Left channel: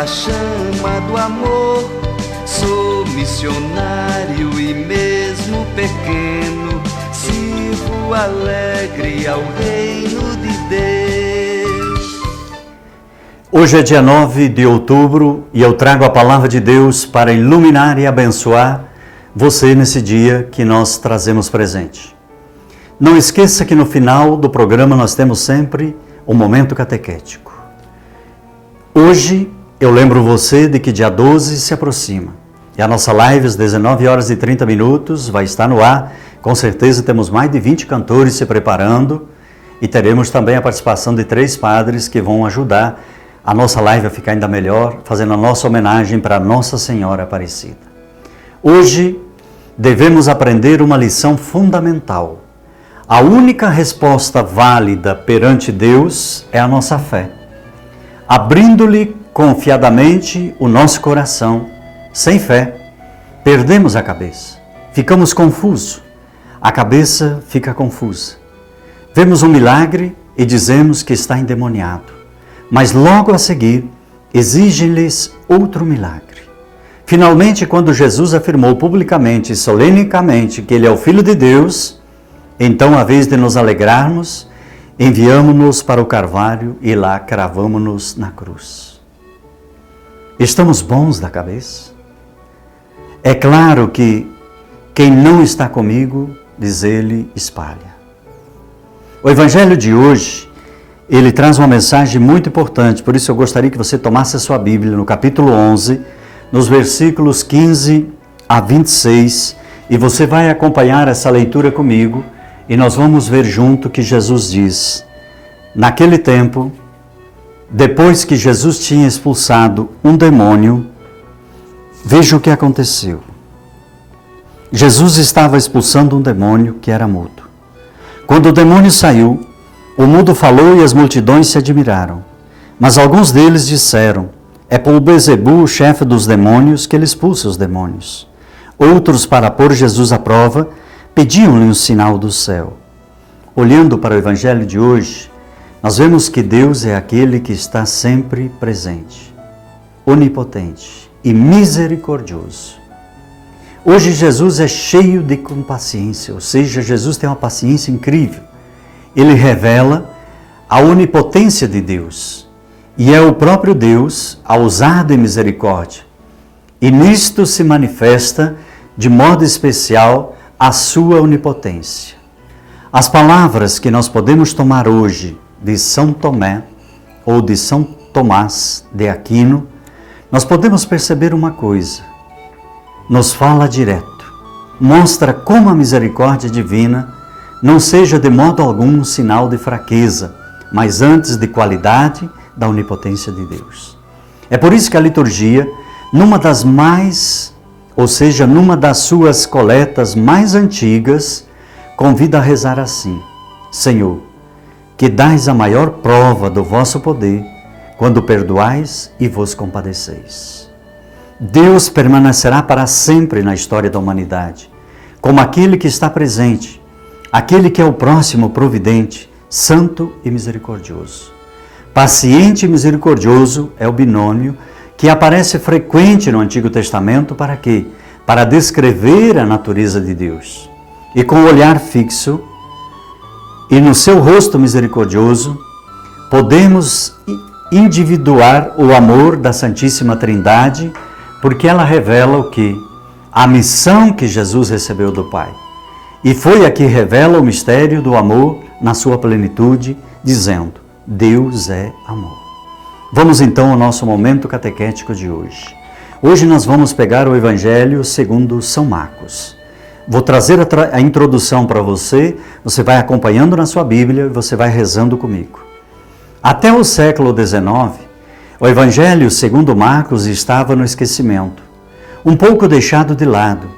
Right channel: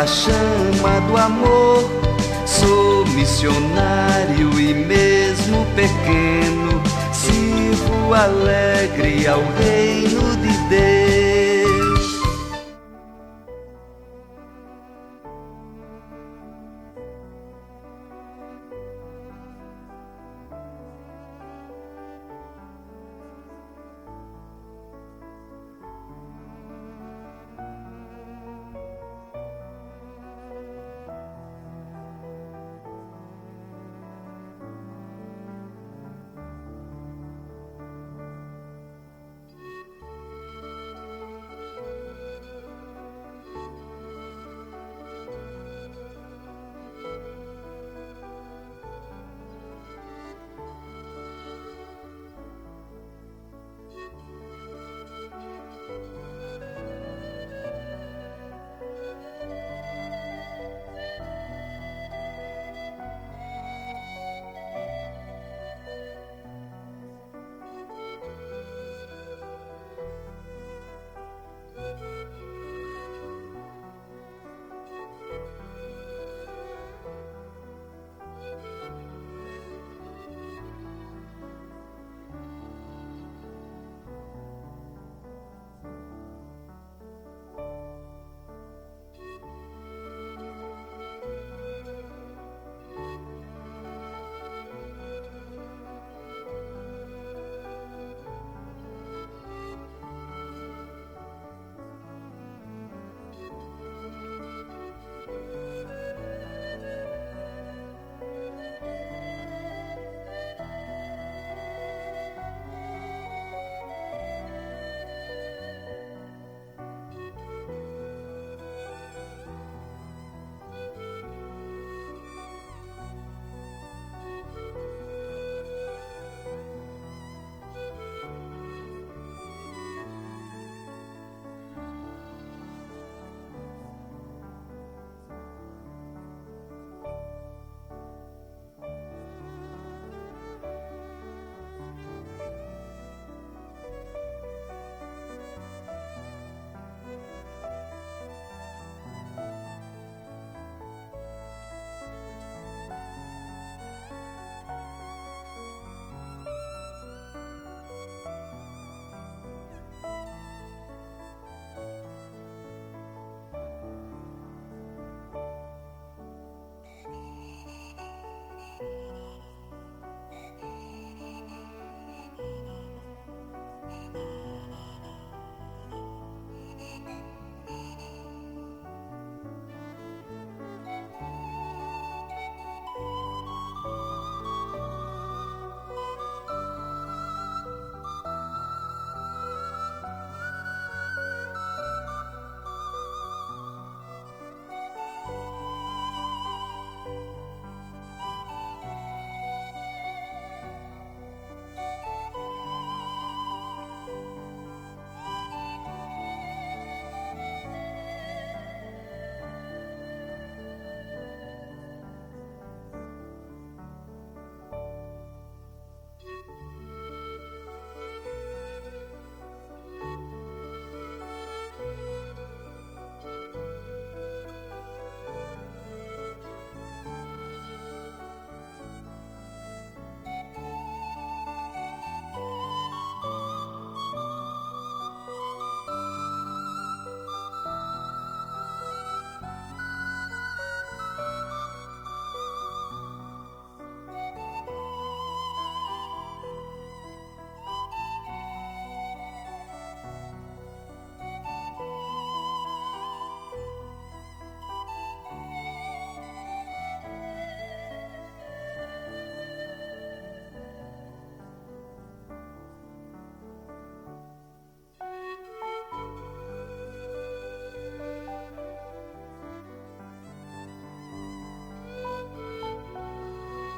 a chama do amor. Sou missionário e mesmo pequeno, sirvo alegre ao reino de Deus. Hoje é dia 9 de outubro e eu trago a palavra de Deus para iluminar e abençoar você nesse dia que nós trazemos presente. Não esqueça que no final do programa nós temos sempre um momento catequético. Hoje eu lembro você de que dia 12 se aproxima. E a nossa live às 19 horas e 30 minutos vai estar no ar. Com certeza temos mais de 20 cantores se preparando e teremos também a participação de 3 padres que vão ajudar a nossa live a ficar ainda melhor, fazendo a nossa homenagem para Nossa Senhora Aparecida. Hoje devemos aprender uma lição fundamental. A única resposta válida perante Deus é a nossa fé. Abrindo-lhe confiadamente o nosso coração, sem fé, perdemos a cabeça, ficamos confusos, a cabeça fica confusa. Vemos um milagre e dizemos que está endemoniado, mas logo a seguir exige-lhes outro milagre. Finalmente, quando Jesus afirmou publicamente e solenemente que Ele é o Filho de Deus, então, à vez de nos alegrarmos, enviamo-nos para o Calvário e lá cravamo-nos na cruz. Estamos bons da cabeça? É claro que quem não está comigo, diz ele, espalha. O Evangelho de hoje, ele traz uma mensagem muito importante, por isso eu gostaria que você tomasse a sua Bíblia no capítulo 11, nos versículos 15 a 26, e você vai acompanhar essa leitura comigo, e nós vamos ver junto que Jesus diz: naquele tempo, depois que Jesus tinha expulsado um demônio, veja o que aconteceu. Jesus estava expulsando um demônio que era mudo. Quando o demônio saiu, o mudo falou e as multidões se admiraram. Mas alguns deles disseram: é por Beelzebu, o chefe dos demônios, que ele expulsa os demônios. Outros, para pôr Jesus à prova, pediam-lhe um sinal do céu. Olhando para o Evangelho de hoje, nós vemos que Deus é aquele que está sempre presente, onipotente e misericordioso. Hoje Jesus é cheio de compaciência, ou seja, Jesus tem uma paciência incrível. Ele revela a onipotência de Deus e é o próprio Deus a usar de misericórdia. E nisto se manifesta de modo especial a sua onipotência. As palavras que nós podemos tomar hoje de São Tomé ou de São Tomás de Aquino, nós podemos perceber uma coisa: nos fala direto, mostra como a misericórdia divina não seja de modo algum um sinal de fraqueza, mas antes de qualidade da onipotência de Deus. É por isso que a liturgia, numa das suas coletas mais antigas, convida a rezar assim: Senhor, que dais a maior prova do vosso poder, quando perdoais e vos compadeceis. Deus permanecerá para sempre na história da humanidade, como aquele que está presente, aquele que é o próximo providente, santo e misericordioso. Paciente e misericordioso é o binômio que aparece frequente no Antigo Testamento para quê? Para descrever a natureza de Deus. E com o olhar fixo e no seu rosto misericordioso, podemos individuar o amor da Santíssima Trindade, porque ela revela o quê? A missão que Jesus recebeu do Pai. E foi a que revela o mistério do amor na sua plenitude, dizendo: Deus é amor. Vamos então ao nosso momento catequético de hoje. Hoje nós vamos pegar o Evangelho segundo São Marcos. Vou trazer a introdução para você, você vai acompanhando na sua Bíblia e você vai rezando comigo. Até o século XIX, o Evangelho segundo Marcos estava no esquecimento, um pouco deixado de lado.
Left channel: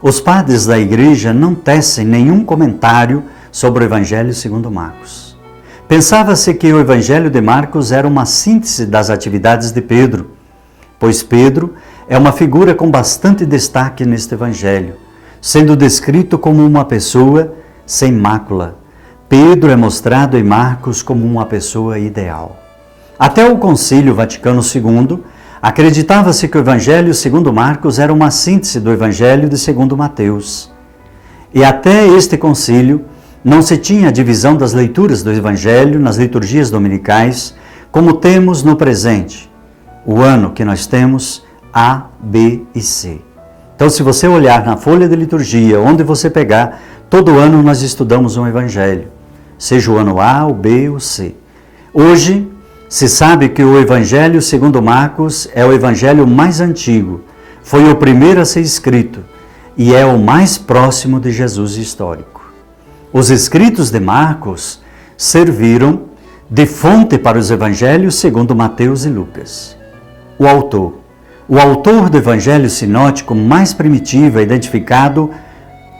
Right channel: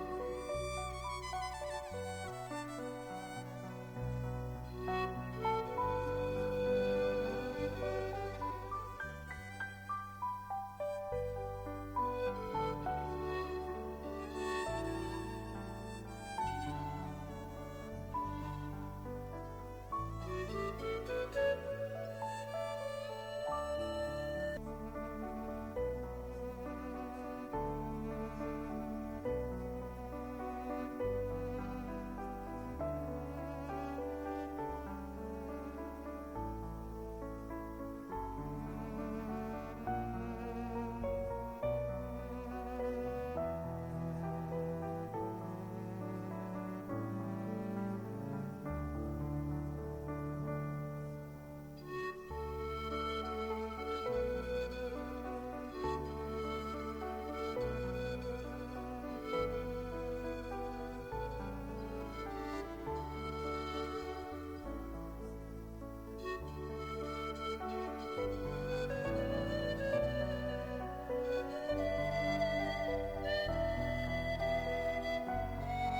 Os padres da igreja não tecem nenhum comentário sobre o Evangelho segundo Marcos. Pensava-se que o Evangelho de Marcos era uma síntese das atividades de Pedro, pois Pedro é uma figura com bastante destaque neste Evangelho, sendo descrito como uma pessoa sem mácula. Pedro é mostrado em Marcos como uma pessoa ideal. Até o Concílio Vaticano II Acreditava-se que o Evangelho segundo Marcos era uma síntese do Evangelho de segundo Mateus. E até este concílio não se tinha a divisão das leituras do Evangelho nas liturgias dominicais, como temos no presente, o ano que nós temos A, B e C. Então, se você olhar na folha de liturgia, onde você pegar, todo ano nós estudamos um Evangelho, seja o ano A, o B ou o C. Hoje, se sabe que o Evangelho segundo Marcos é o Evangelho mais antigo, foi o primeiro a ser escrito e é o mais próximo de Jesus histórico. Os escritos de Marcos serviram de fonte para os Evangelhos segundo Mateus e Lucas. O autor do Evangelho sinótico mais primitivo é identificado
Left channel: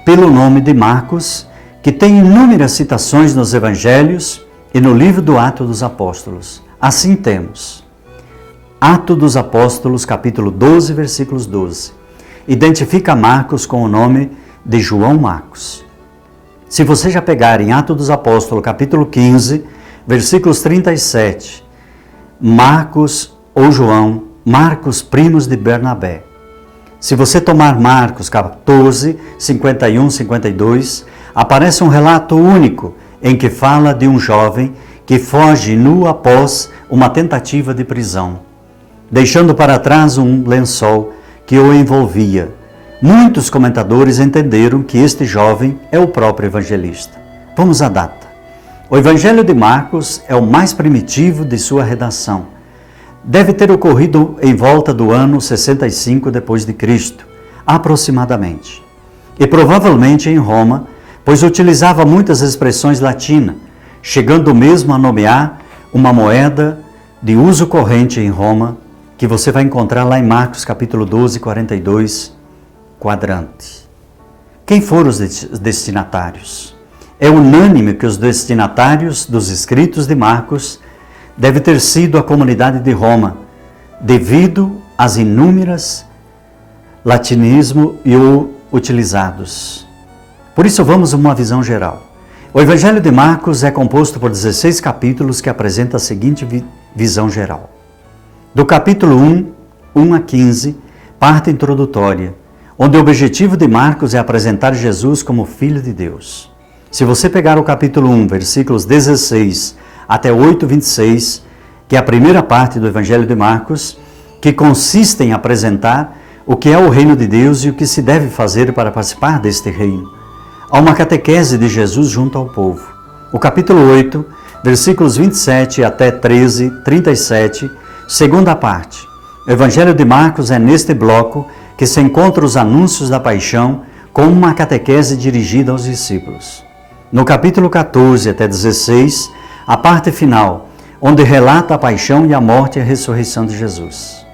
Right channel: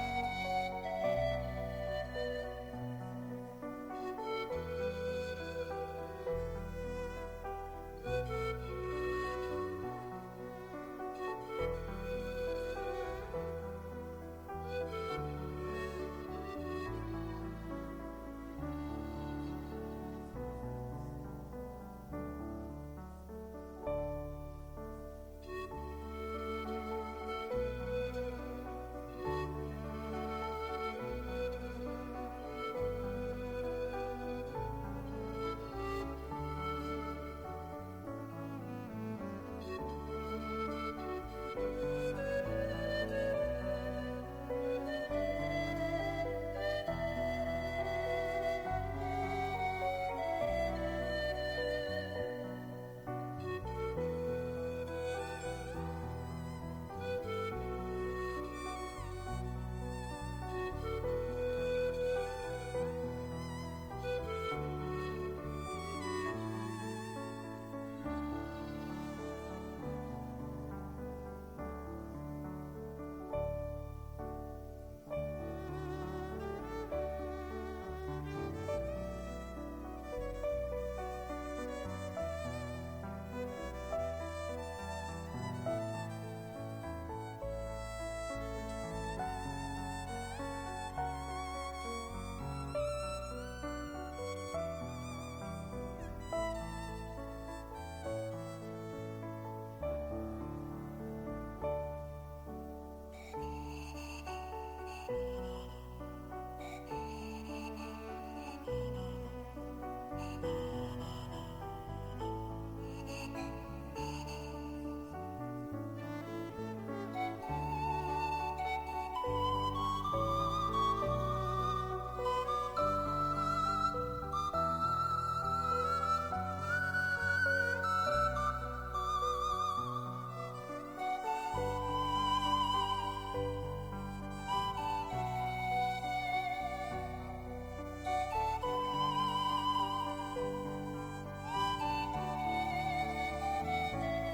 pelo nome de Marcos, que tem inúmeras citações nos Evangelhos e no livro do Atos dos Apóstolos. Assim temos Atos dos Apóstolos, capítulo 12, versículos 12. Identifica Marcos com o nome de João Marcos. Se você já pegar em Atos dos Apóstolos, capítulo 15, versículos 37, Marcos ou João, Marcos, primos de Bernabé. Se você tomar Marcos 14, 51, 52, aparece um relato único em que fala de um jovem que foge nu após uma tentativa de prisão, deixando para trás um lençol que o envolvia. Muitos comentadores entenderam que este jovem é o próprio evangelista. Vamos à data. O Evangelho de Marcos é o mais primitivo de sua redação. Deve ter ocorrido em volta do ano 65 depois de Cristo, aproximadamente. E provavelmente em Roma, pois utilizava muitas expressões latinas, chegando mesmo a nomear uma moeda de uso corrente em Roma, que você vai encontrar lá em Marcos capítulo 12, 42, quadrante. Quem foram os destinatários? É unânime que os destinatários dos escritos de Marcos deve ter sido a comunidade de Roma, devido às inúmeras latinismos e utilizados. Por isso vamos a uma visão geral. O Evangelho de Marcos é composto por 16 capítulos que apresentam a seguinte visão geral. Do capítulo 1 a 15, parte introdutória, onde o objetivo de Marcos é apresentar Jesus como Filho de Deus. Se você pegar o capítulo 1, versículos 16 até 8, 26, que é a primeira parte do Evangelho de Marcos, que consiste em apresentar o que é o reino de Deus e o que se deve fazer para participar deste reino. Há uma catequese de Jesus junto ao povo. O capítulo 8, versículos 27 até 13, 37, segunda parte. O Evangelho de Marcos é neste bloco que se encontra os anúncios da paixão com uma catequese dirigida aos discípulos. No capítulo 14 até 16, a parte final, onde relata a paixão e a morte e a ressurreição de Jesus.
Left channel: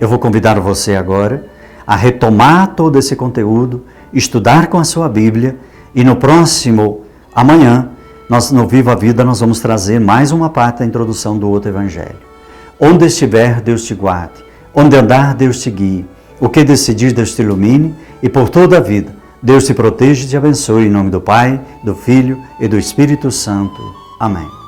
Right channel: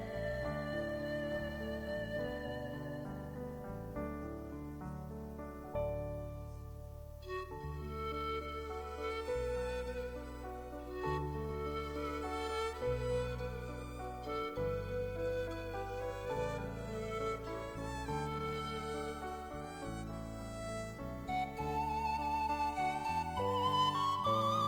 Eu vou convidar você agora a retomar todo esse conteúdo, estudar com a sua Bíblia e no próximo, amanhã, no Viva a Vida, nós vamos trazer mais uma parte da introdução do outro Evangelho. Onde estiver, Deus te guarde. Onde andar, Deus te guie. O que decidir, Deus te ilumine. E por toda a vida, Deus te proteja e te abençoe. Em nome do Pai, do Filho e do Espírito Santo. Amém.